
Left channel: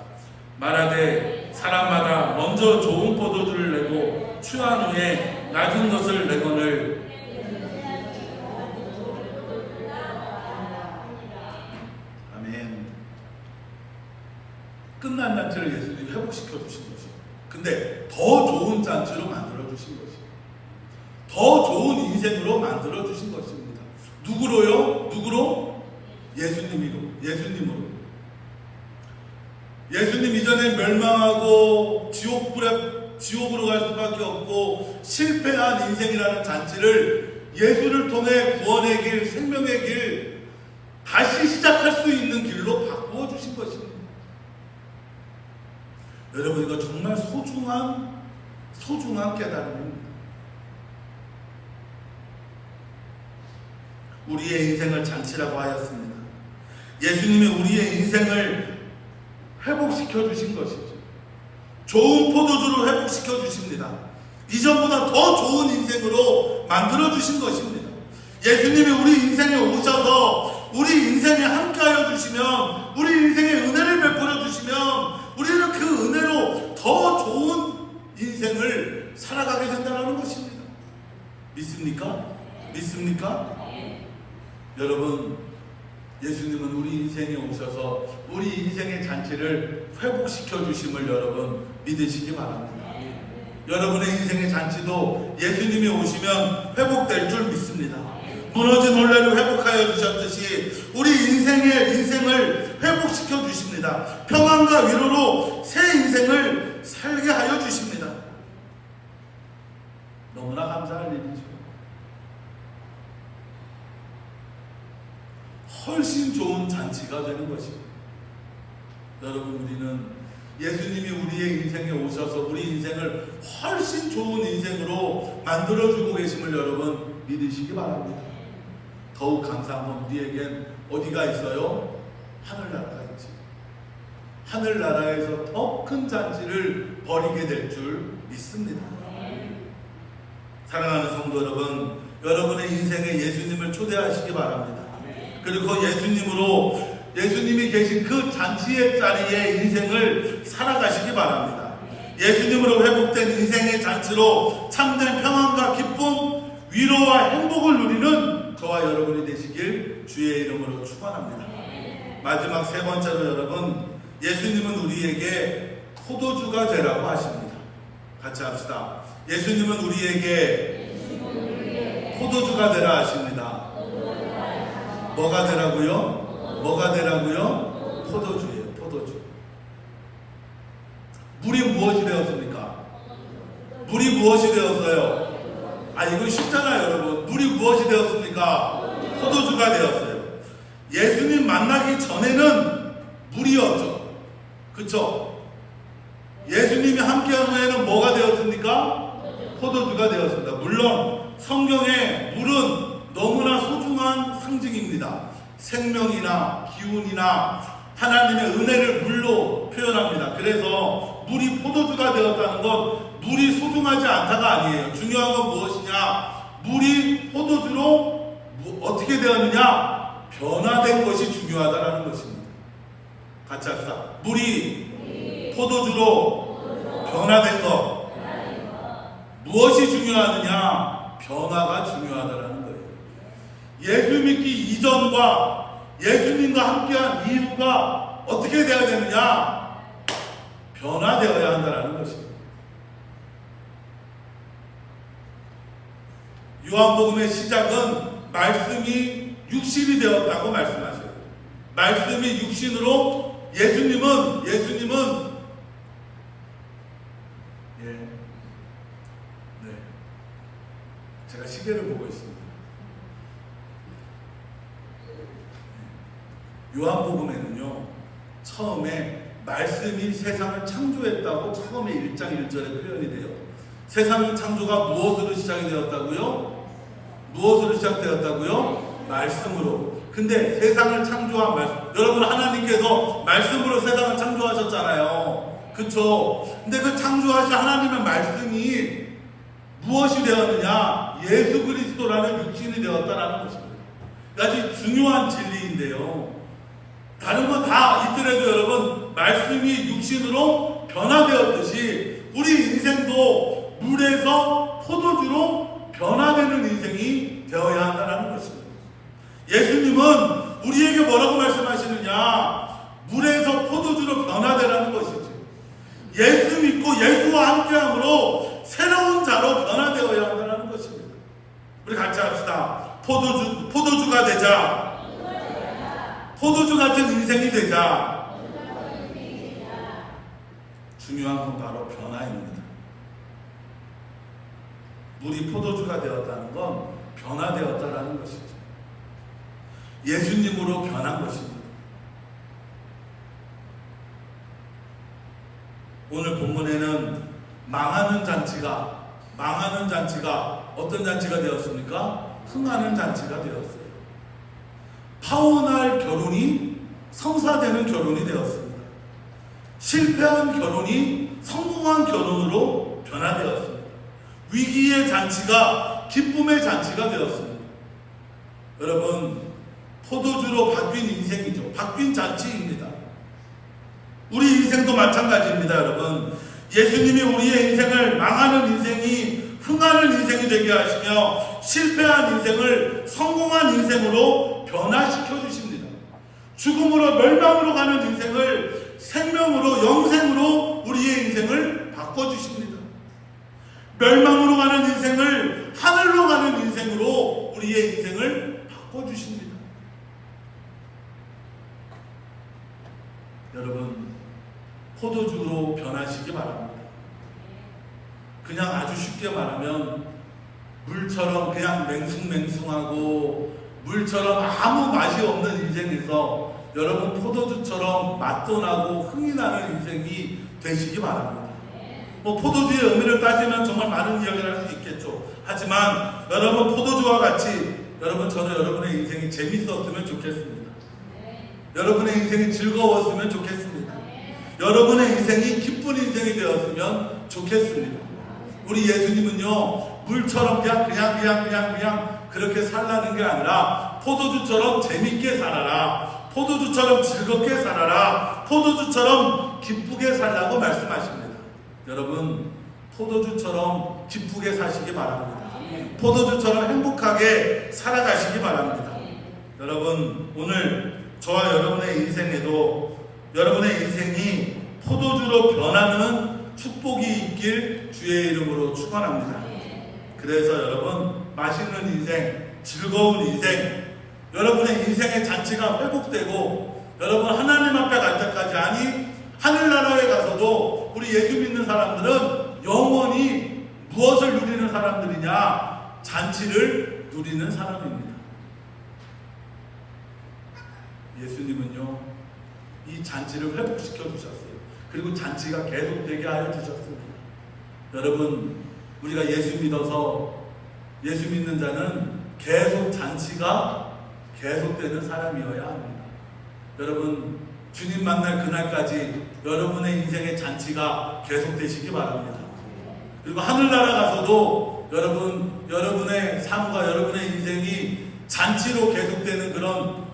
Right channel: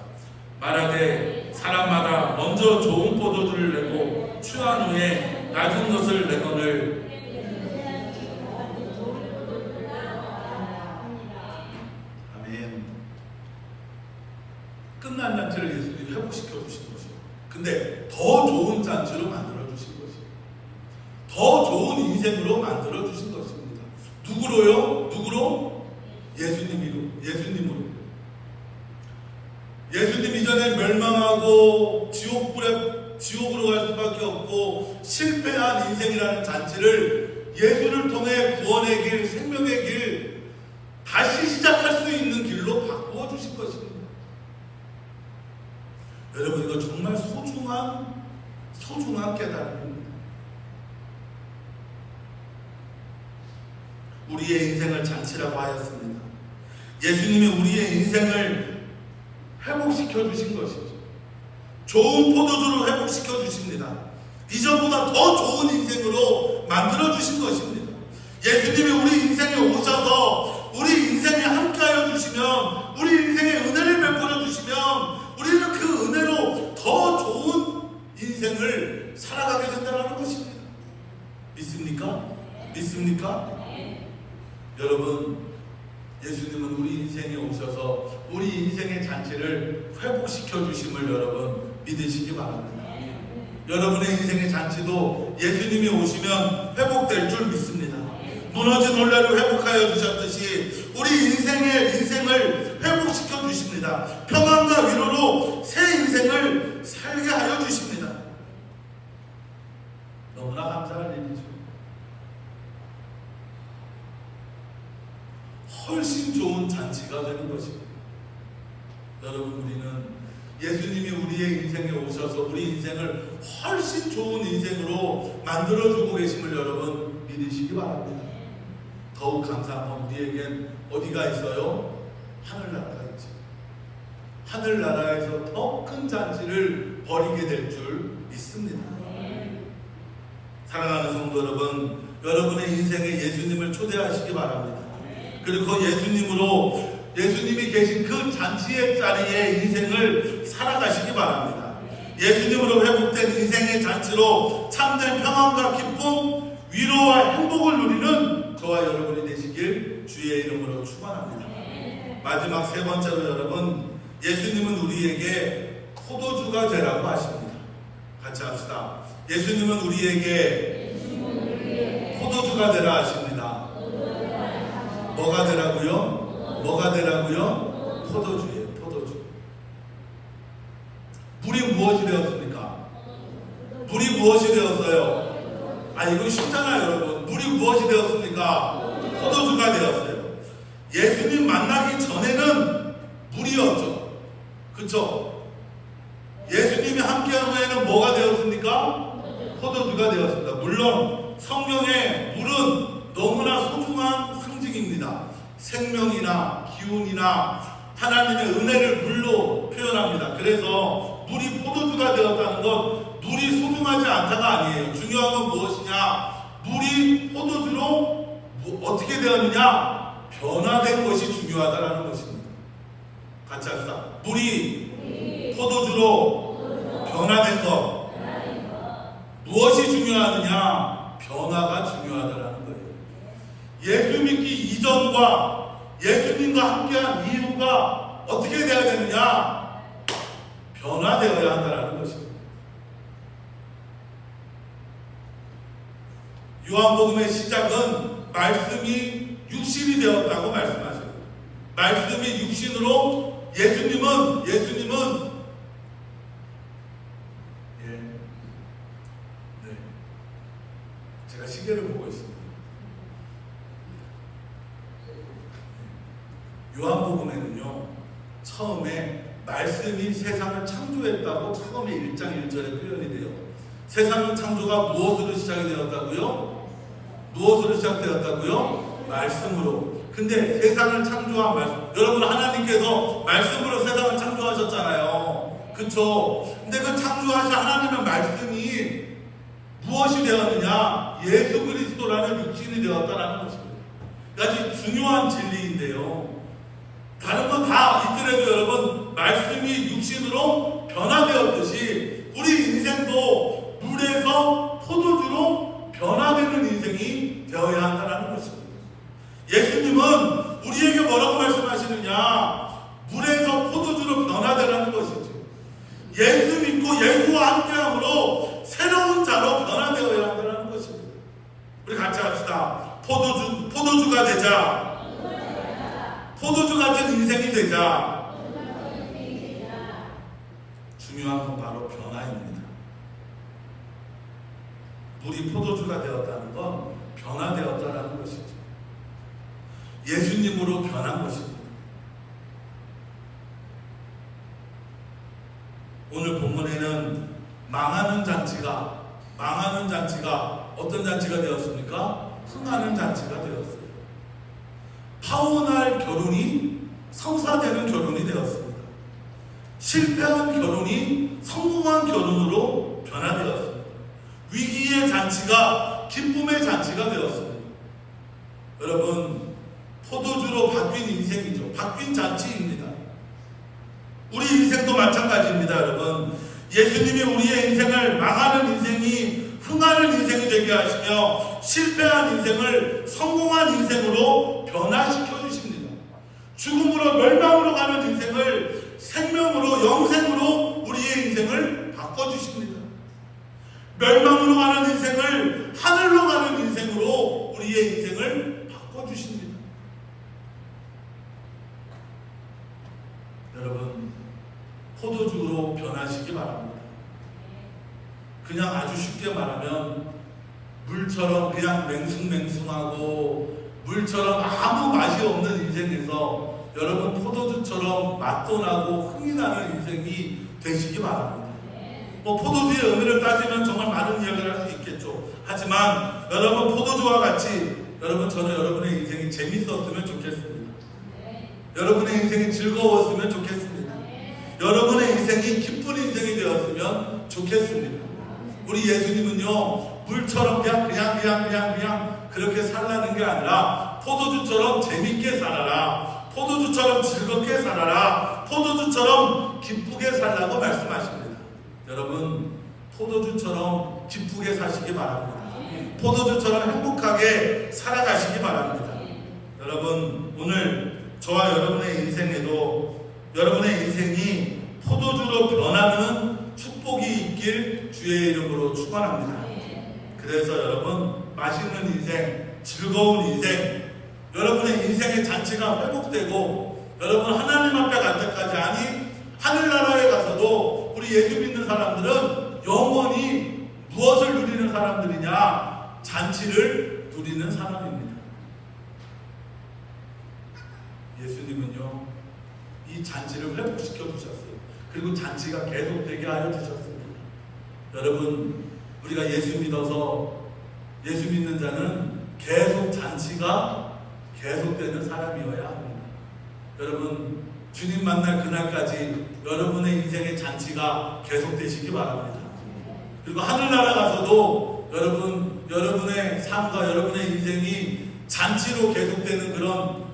말하되 사람마다 먼저 좋은 포도주를 내고 취한 후에 낮은 것을 내거늘. 아멘. 끝난 잔치를 예수님이 회복시켜 주신 것이요. 근데 더 좋은 잔치로 만들어 주신 것이요. 더 좋은 인생으로 만들어 주신 것입니다. 누구로요? 누구로? 예수님으로. 예수님 이전에 멸망하고 지옥으로 갈 수밖에 없고 실패한 인생이라는 잔치를 예수를 통해 구원의 길, 생명의 길, 다시 시작할 수 있는 길로 바꾸어 주신 것입니다. 여러분, 이거 정말 소중한 깨달음입니다. 우리의 인생을 잔치라고 하였습니다. 예수님이 우리의 인생을 회복시켜 주신 것이죠. 좋은 포도주로 회복시켜 주십니다. 이전보다 더 좋은 인생으로 만들어 주신 것입니다. 예수님이 우리 인생에 오셔서 우리 인생에 함께하여 주시면, 우리 인생에 은혜를 베풀어 주시면, 우리는 그 은혜로 더 좋은 인생을 살아가게 된다는 것입니다. 믿습니까? 여러분, 예수님은 우리 인생에 오셔서 우리 인생의 잔치를 회복시켜 주심을 여러분 믿으시기 바랍니다. 여러분의 인생의 잔치도 예수님이 오시면 회복될 줄 믿습니다. 무너진 혼례를 회복하여 주셨듯이 우리 인생을 회복시켜 주십니다. 평안과 위로로 새 인생을 살게 하여 주십니다. 너무나 감사할 일이죠. 훨씬 좋은 잔치가 되는 것입니다. 여러분, 우리는 예수님이 우리의 인생에 오셔서 우리 인생을 훨씬 좋은 인생으로 만들어주고 계심을 여러분 믿으시기 바랍니다. 더욱 감사한 건 우리에겐 어디가 있어요? 하늘나라가 있죠. 하늘나라에서 더 큰 잔치를 벌이게 될 줄 믿습니다. 사랑하는 성도 여러분, 여러분의 인생에 예수님을 초대하시기 바랍니다. 그리고 예수님이 계신 그 잔치의 자리에 인생을 살아가시기 바랍니다. 예수님으로 회복된 인생의 잔치로 참된 평안과 기쁨, 위로와 행복을 누리는 저와 여러분이 되시길 주의 이름으로 축원합니다. 마지막 세 번째로 여러분, 예수님은 우리에게 포도주가 되라고 하십니다. 같이 합시다. 예수님은 우리에게 포도주가 되라 하십니다. 뭐가 되라고요? 포도주예요. 포도주. 물이 무엇이 되었습니까? 물이 무엇이 되었어요? 이거 쉽잖아요, 여러분. 물이 무엇이 되었습니까? 포도주가 되었어요. 예수님 만나기 전에는 물이었죠. 그쵸? 예수님이 함께한 후에는 뭐가 되었습니까? 포도주가 되었습니다. 물론 성경에 물은 너무나 소중한 상징입니다. 생명이나 기운이나 하나님의 은혜를 물로 표현합니다. 그래서 물이 포도주가 되었다는 건 물이 소중하지 않다가 아니에요. 중요한 건 무엇이냐? 물이 포도주로 어떻게 되었느냐? 변화된 것이 중요하다는 것입니다. 같이 합시다. 물이 포도주로 변화된 것. 무엇이 중요하느냐? 변화가 중요하다는 거예요. 예수 믿기 이전과 예수님과 함께한 이후가 어떻게 되어야 되느냐? 변화되어야 한다는 것입니다. 요한복음의 시작은 말씀이 육신이 되었다고 말씀하셔요. 말씀이 육신으로 예수님은 제가 시계를 보고 있습니다. 요한복음에는요, 처음에 말씀이 세상을 창조했다고 처음에 1장 1절에 표현이 돼요. 세상의 창조가 무엇으로 시작이 되었다고요? 무엇으로 시작되었다고요? 말씀으로. 근데 세상을 창조한 말씀, 여러분 하나님께서 말씀으로 세상을 창조하셨잖아요. 그쵸? 근데 그 창조하신 하나님의 말씀이 무엇이 되었느냐? 예수 그리스도라는 육신이 되었다는 것입니다. 아주 중요한 진리인데요. 다른 건 다 있더라도 여러분, 말씀이 육신으로 변화되었듯이 우리 인생도 물에서 포도주로 변화되는 인생이 되어야 한다는 것입니다. 예수님은 우리에게 뭐라고 말씀하시느냐? 물에서 포도주로 변화되라는 것이죠. 예수 믿고 예수와 함께함으로 새로운 자로 변화되어야 한다는 것입니다. 우리 같이 합시다. 포도주가 되자. 포도주 같은 인생이 되자. 중요한 건 바로 변화입니다. 물이 포도주가 되었다는 건 변화되었다는 것이죠. 예수님으로 변한 것입니다. 오늘 본문에는 망하는 잔치가 어떤 잔치가 되었습니까? 흥하는 잔치가 되었어요. 파혼할 결혼이 성사되는 결혼이 되었습니다. 실패한 결혼이 성공한 결혼으로 변화되었습니다. 위기의 잔치가 기쁨의 잔치가 되었습니다. 여러분, 포도주로 바뀐 인생이죠. 바뀐 잔치입니다. 우리 인생도 마찬가지입니다. 여러분, 예수님이 우리의 인생을 망하는 인생이 흥하는 인생이 되게 하시며 실패한 인생을 성공한 인생으로 변화시켜 주십니다. 죽음으로 멸망으로 가는 인생을 생명으로 영생으로 우리의 인생을 바꿔주십니다. 멸망으로 가는 인생을 하늘로 가는 인생으로 우리의 인생을 바꿔주십니다. 여러분, 포도주로 변하시기 바랍니다. 그냥 아주 쉽게 말하면 물처럼 그냥 맹숭맹숭하고 물처럼 아무 맛이 없는 인생에서 여러분 포도주처럼 맛도 나고 흥이 나는 인생이 되시기 바랍니다. 포도주의 의미를 따지면 정말 많은 이야기를 할 수 있겠죠. 하지만 여러분 포도주와 같이 저는 여러분의 인생이 재밌었으면 좋겠습니다. 여러분의 인생이 즐거웠으면 좋겠습니다. 여러분의 인생이 기쁜 인생이 되었으면 좋겠습니다. 우리 예수님은요, 물처럼 그냥 그렇게 살라는 게 아니라 포도주처럼 재밌게 살아라, 포도주처럼 즐겁게 살아라, 포도주처럼 기쁘게 살라고 말씀하십니다. 여러분, 포도주처럼 기쁘게 사시기 바랍니다. 포도주처럼 행복하게 살아가시기 바랍니다. 여러분, 오늘 저와 여러분의 인생에도 여러분의 인생이 포도주로 변하는 축복이 있길 주의 이름으로 축원합니다. 그래서 여러분, 맛있는 인생, 즐거운 인생, 여러분의 인생의 잔치가 회복되고 여러분 하나님 앞에 갈 때까지, 아니 하늘나라에 가서도 우리 예수 믿는 사람들은 영원히 무엇을 누리는 사람들이냐? 잔치를 누리는 사람입니다. 예수님은요, 이 잔치를 회복시켜 주셨어요. 그리고 잔치가 계속되게 하여 주셨습니다. 여러분, 우리가 예수 믿어서 예수 믿는 자는 계속 잔치가 계속되는 사람이어야 합니다. 여러분, 주님 만날 그날까지 여러분의 인생의 잔치가 계속되시기 바랍니다. 그리고 하늘나라 가서도 여러분의 삶과 여러분의 인생이 잔치로 계속되는 그런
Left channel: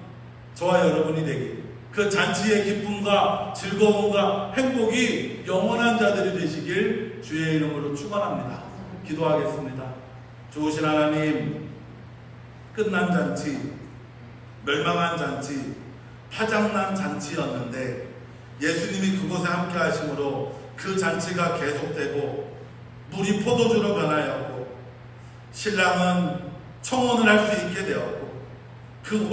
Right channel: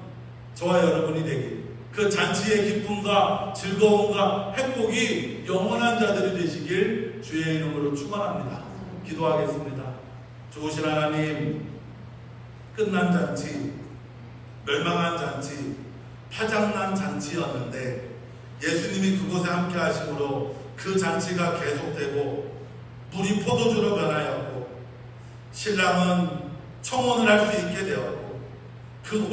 저와 여러분이 되길, 그 잔치의 기쁨과 즐거움과 행복이 영원한 자들이 되시길 주의 이름으로 축원합니다. 기도하겠습니다. 좋으신 하나님, 끝난 잔치, 멸망한 잔치, 파장난 잔치였는데 예수님이 그곳에 함께 하심으로 그 잔치가 계속되고 물이 포도주로 변하였고 신랑은 청혼을 할 수 있게 되었고 그